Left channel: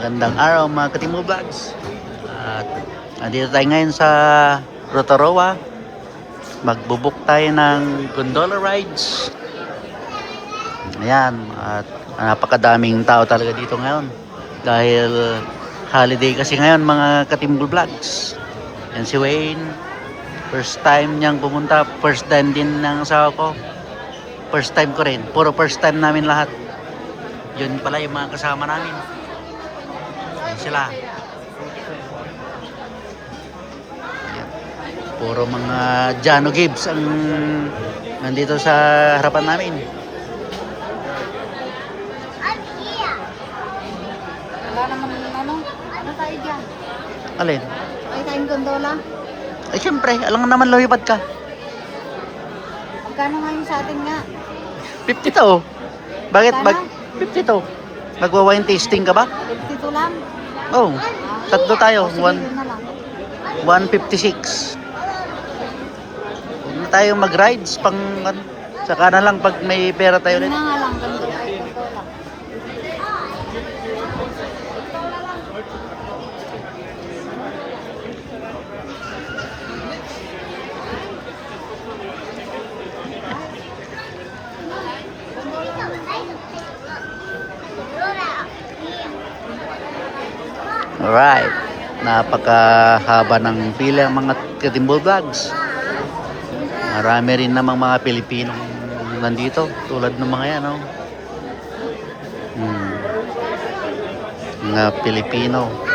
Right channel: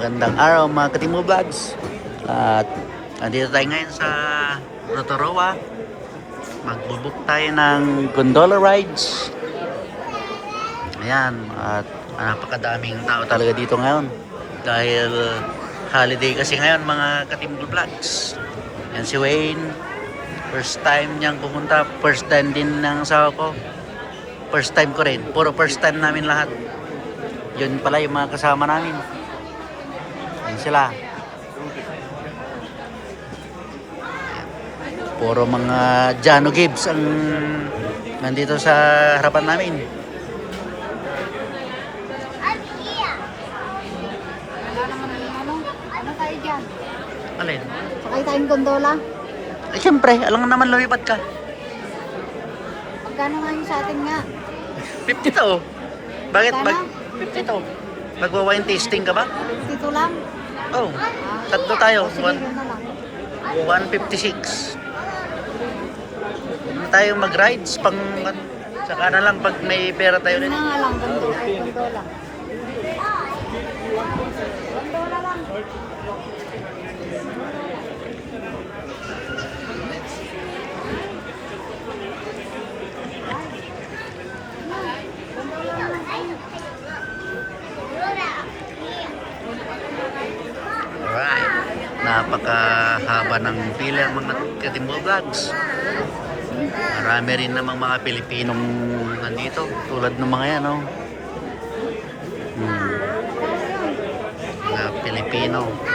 Magandang araw mga Katimo Vlogs. At nandito tayo ngayon sa Rotorua. Magbubuk tayo ng gondola rides. Ayan, at napakadaming tao talaga dito ngayon. Dahil holiday kasi ngayon mga Katimo Vlogs. Yan si Wayne. First time niyang pumunta. First time din ng asawa ko. First time ko rin. Puro first time namin lahat. Yun pala yung mga kasama namin. Sila puro mga Jano Gibbs ang nandito sa harapan namin. Wala naman ano tayo dyan? Alin? Sakay tayong gondola. Ay siyempre, alam naman lumipad ka. Magkano ngayon sa atin nga? 50 to. Bakit? Magkano? 50 to. Magwa-wine tasting ka ba? 52 lang. Oh, tatlo tayo. Sige, yun na lang. 156. Huwag na tayo mag-rides pang saka na lang pag may pera tayo Yun ulit. na nga lang, gondola. Alright. Napakahaba ng pila mga Katimo Vlogs. Marami rin namang mga Pilipinong nandito. Tulad ng mga yan, oh. Mga Pilipino.